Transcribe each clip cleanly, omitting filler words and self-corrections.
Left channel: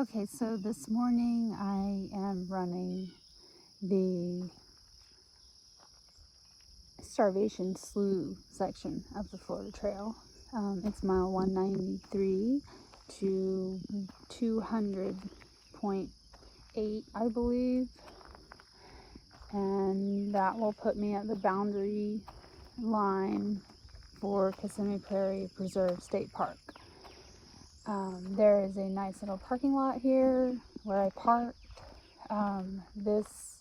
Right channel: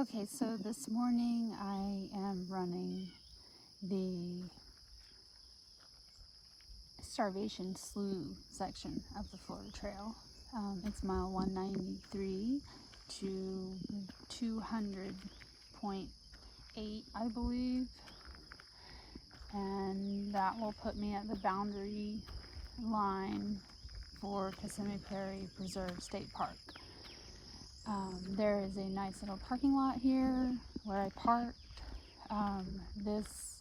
Okay, so this morning I am running the Starvation Slough section of the Florida Trail. It's mile 193 to 200.8, I believe, and that will put me at the boundary line for Kissimmee Prairie Preserve State Park. There is a nice little parking lot here where I parked. This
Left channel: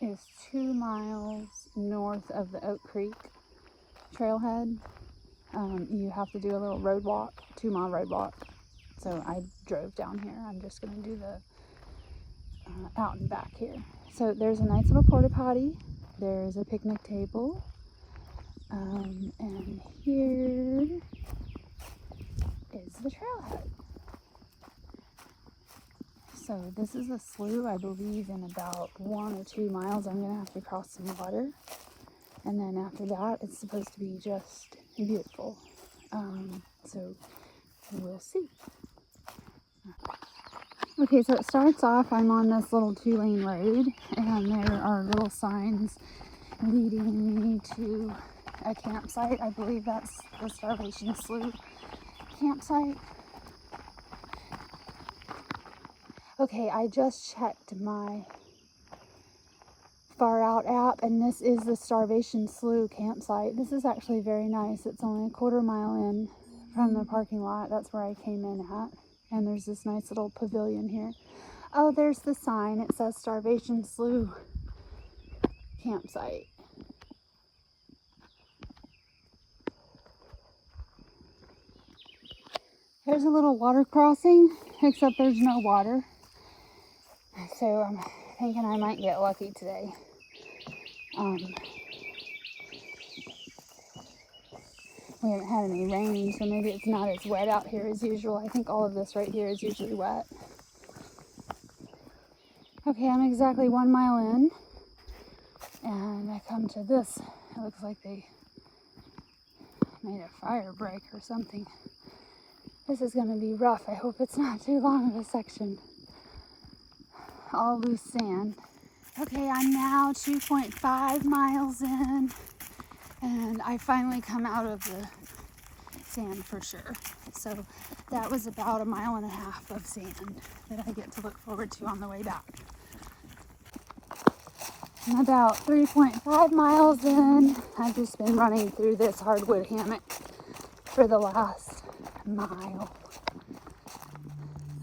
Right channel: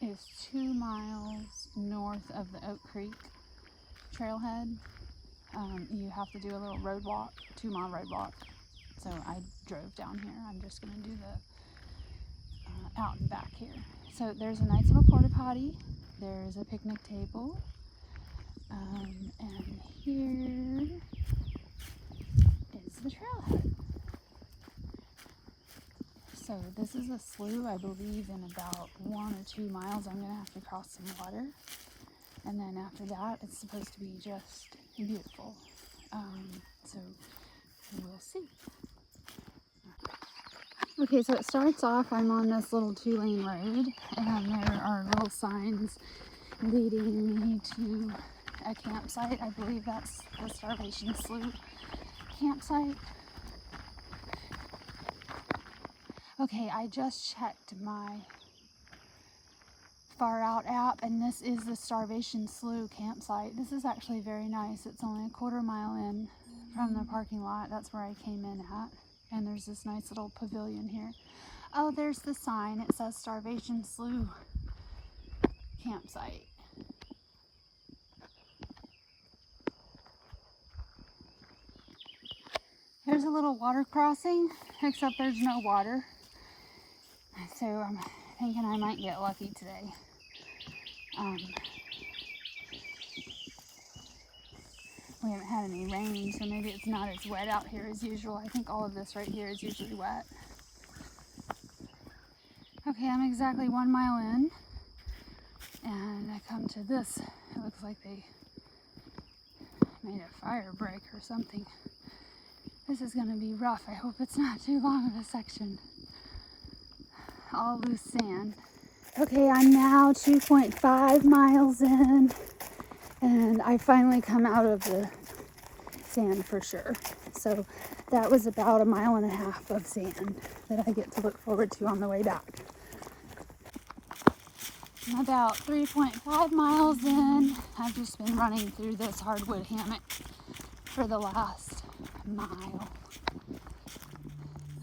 is 2 miles north of the Oak Creek trailhead. You have to do a little road walk, 2-mile road walk. So I drove down here. I'm just going to do the out and back here. So there's a nice little porta potty. There's a picnic table. And here is the trailhead. So this is a slough. I believe in about 1 or 2 miles I'm going to have to cross some water. And then after that it's supposed to be just beautiful. So we'll see. Okay, so it starts off, I'm on this little 2-lane road, and there are little signs leading me to a campsite. I believe that's the Starvation Slough campsite. Okay, I just checked my Far Out app, and this is the Starvation Slough campsite. This is actually very nice. It's only a 1/4 mile in from the parking lot. That's where I came in at. And there's this nice little pavilion here. Oh, there's the sign. It says Starvation Slough campsite. There's a little water crossing, except there's no water. So I'm thinking I might get lucky today. We haven't had any rain, so maybe it's not as wet out here as usual. I think all of this right here is usually wet. Okay, I'm exactly 1 mile in, and I come to this. It looks like they made a fire break or something. This is going to be rough. I hope it's not too long of a section. All loose sand. Okay, I'm now 2.5 miles in, and I finally come out of the sand for sure. So that was about 1.5 miles of sand that I get to look forward to on the way back. I'm about 3.5 miles in. I've just been running through this hardwood hammock for the last mile.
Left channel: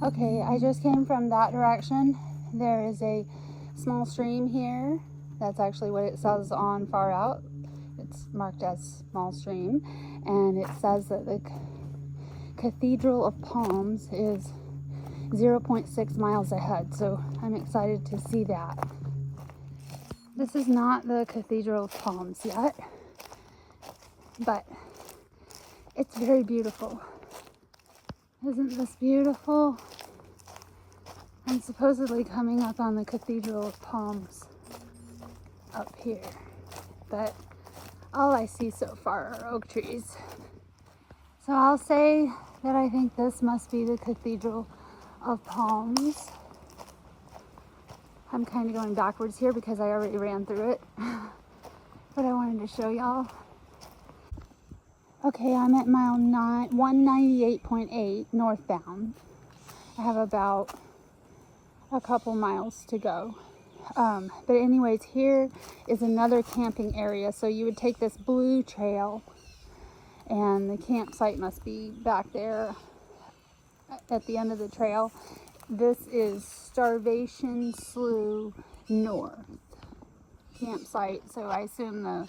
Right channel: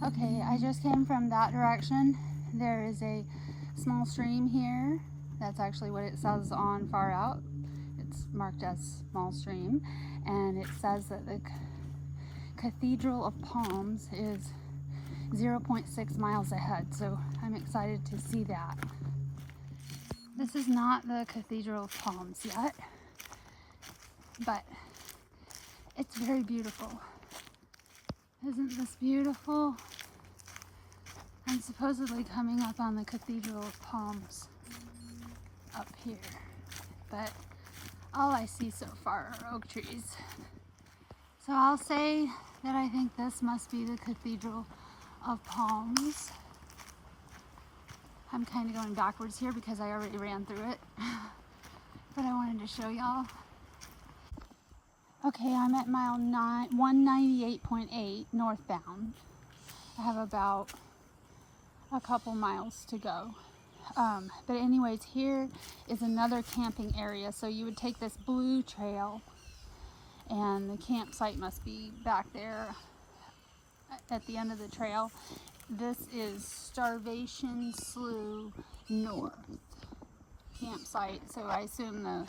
Okay, I just came from that direction. There is a small stream here. That's actually what it says on Far Out. It's marked as small stream, and it says that the Cathedral of Palms is 0.6 miles ahead, so I'm excited to see that. This is not the Cathedral of Palms yet, but it's very beautiful. Isn't this beautiful? I'm supposedly coming up on the Cathedral of Palms up here, but all I see so far are oak trees. So I'll say that I think this must be the Cathedral of Palms. I'm kind of going backwards here because I already ran through it, but I wanted to show y'all. Okay, I'm at mile 198.8 northbound. I have about a couple miles to go. But anyways, here is another camping area. So you would take this blue trail, and the campsite must be back there at the end of the trail. This is Starvation Slough North campsite. So I assume the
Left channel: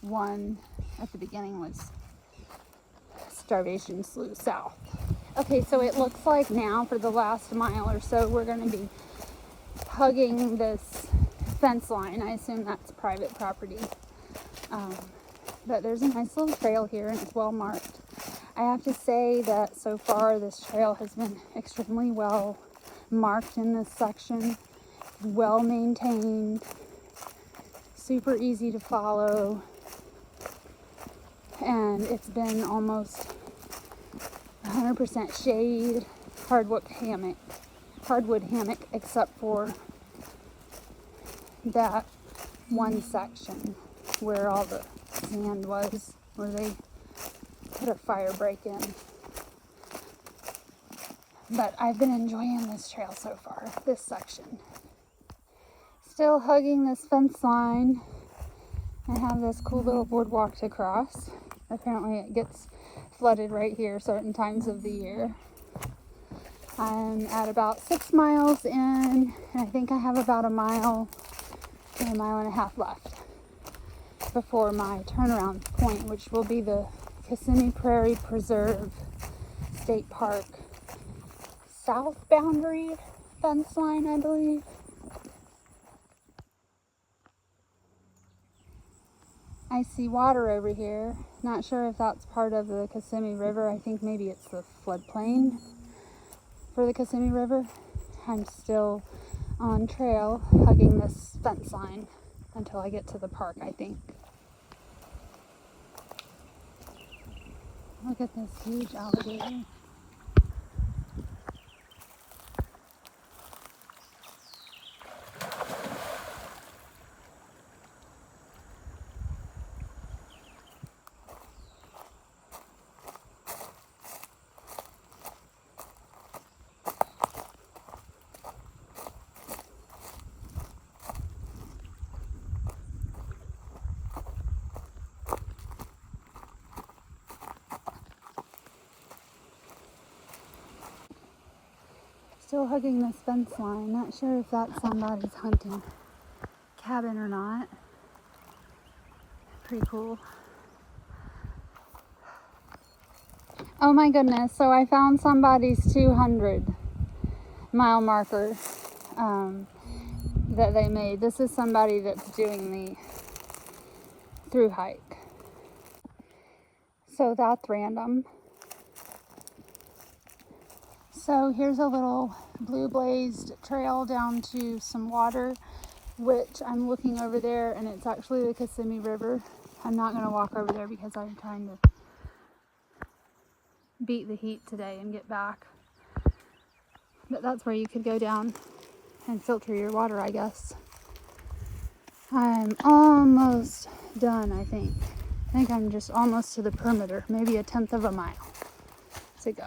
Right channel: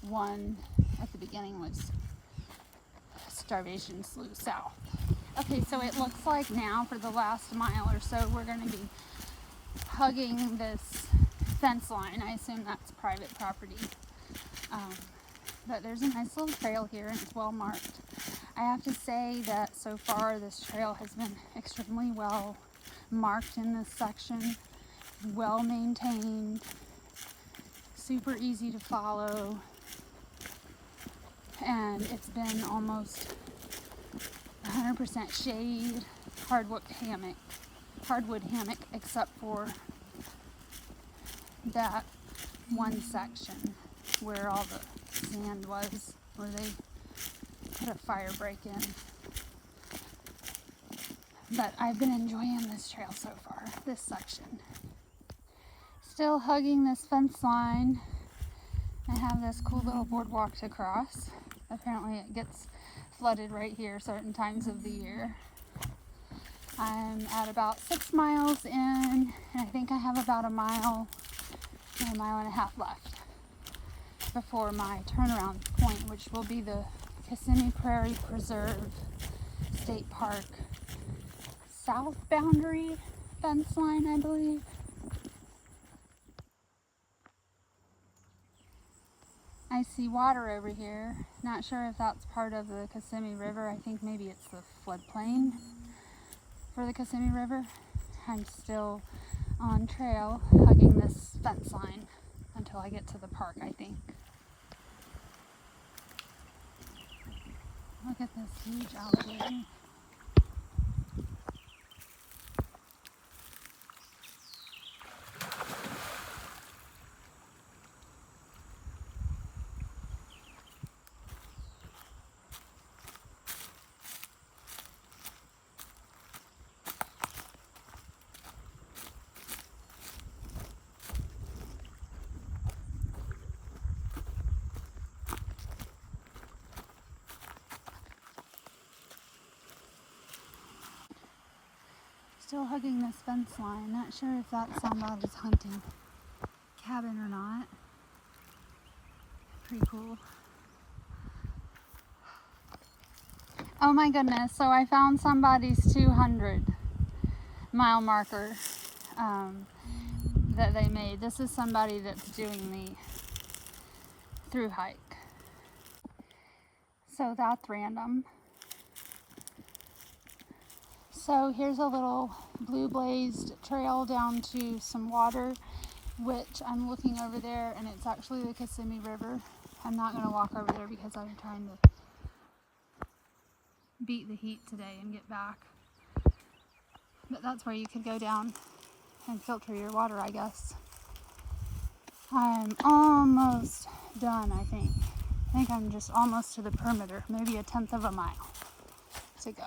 one at the beginning was Starvation Slough South. Okay, so it looks like now for the last mile or so we're going to be hugging this fence line. I assume that's private property. But there's a nice little trail here, and it's well marked. I have to say that so far this trail has been extremely well marked in this section, well maintained, super easy to follow, and it's been almost 100% shade, hardwood hammock, except for that one section where all the sand was, where they put a fire break in. But I've been enjoying this trail so far, this section. Still hugging this fence line. I have this cool little boardwalk to cross. Apparently it gets flooded right here certain times of the year. I'm at about 6 miles in, and I think I have about a mile and a half left before my turnaround point, which will be the Kissimmee Prairie Preserve State Park south boundary fence line, I believe. I see water over here. Not sure if that's part of the Kissimmee River. I think maybe it's the floodplain for the Kissimmee River. I'm still on trail hugging this fence line until I get to the park, I think. Look at this huge alligator. Still hugging this fence line. Not sure if that's somebody's hunting cabin or not. Pretty cool. Oh my goodness, so I found somebody's 200-mile marker that they made. This is somebody that's doing the through hike. So that's random. So here's a little blue blazed trail down to some water, which I'm looking over there, and it's actually the Kissimmee River. I'm not going to walk over there because I'm trying to beat the heat today and get back. But that's where you could go down and filter your water, I guess. I'm almost done, I think. I think I'm just almost to the perimeter, maybe a 1/10 of a mile to go.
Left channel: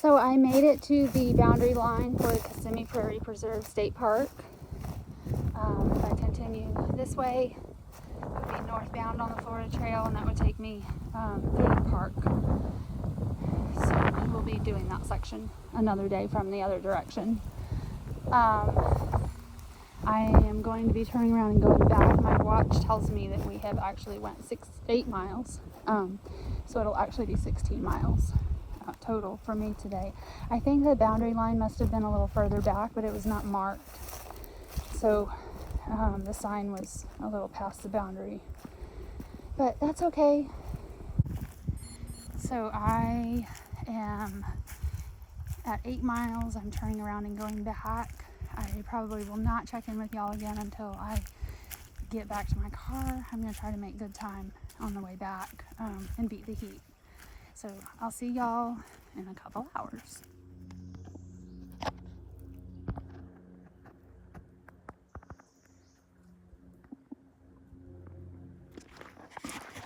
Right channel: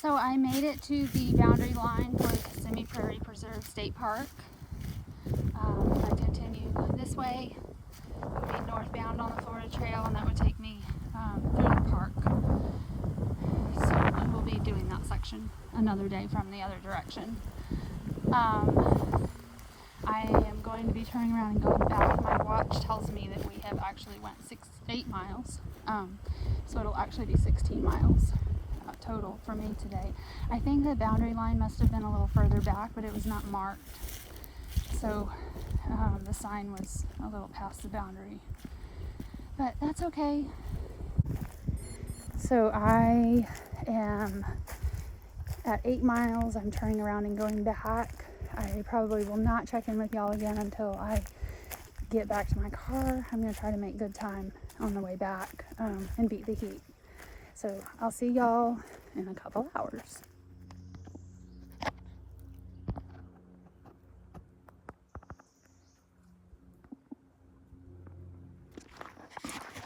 So I made it to the boundary line for the Kissimmee Prairie Preserve State Park. If I continue this way, I'll be northbound on the Florida Trail, and that would take me through the park. So I will be doing that section another day from the other direction. I am going to be turning around and going back. My watch tells me that we have actually went 8 miles. So it'll actually be 16 miles. Total for me today. I think the boundary line must have been a little further back, but it was not marked, so the sign was a little past the boundary, but that's okay. So I am at 8 miles. I'm turning around and going back. I probably will not check in with y'all again until I get back to my car. I'm going to try to make good time on the way back and beat the heat. So I'll see y'all in a couple hours.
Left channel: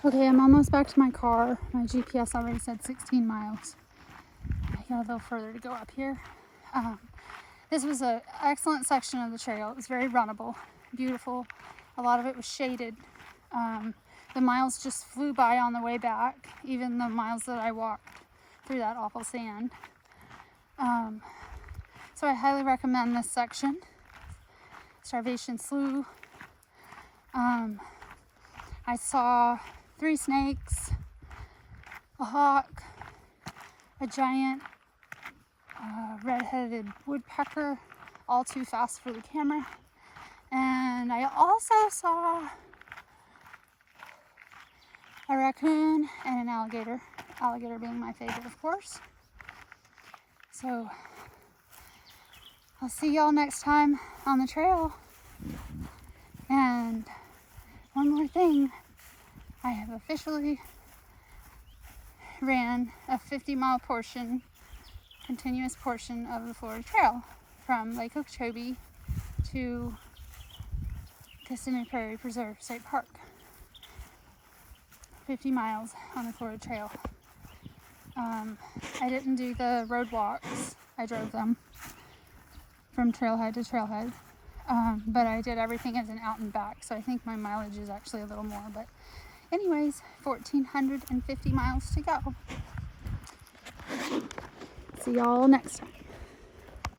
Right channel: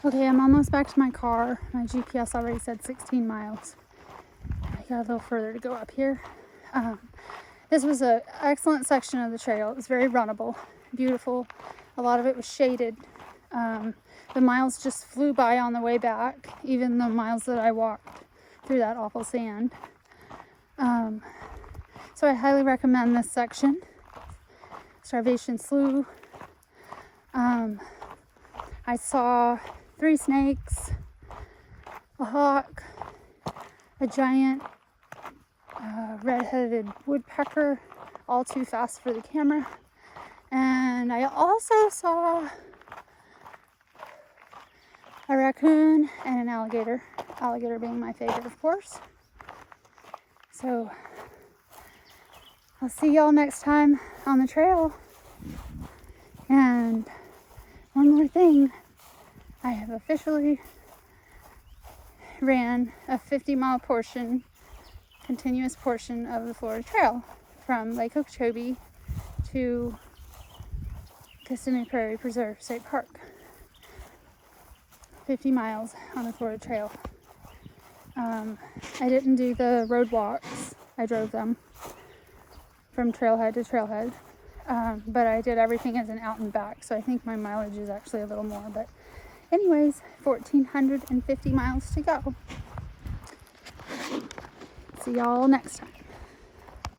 Okay, I'm almost back to my car. My GPS already said 16 miles. I got a little further to go up here. This was an excellent section of the trail. It was very runnable, beautiful. A lot of it was shaded. The miles just flew by on the way back, even the miles that I walked through that awful sand. So I highly recommend this section. Starvation Slough. I saw 3 snakes, a hawk, a giant red-headed woodpecker, all too fast for the camera. And I also saw a raccoon and an alligator. Alligator being my favorite, of course. So I'll see y'all next time on the trail. And one more thing, I have officially ran a 50-mile portion, continuous portion of the Florida Trail from Lake Okeechobee to Kissimmee Prairie Preserve State Park. 50 miles on the Florida Trail. I didn't do the road walks. I drove them from trailhead to trailhead. But I did everything as an out and back, so I think my mileage is actually a little more. But anyways, 1,450 miles to go. See y'all next time.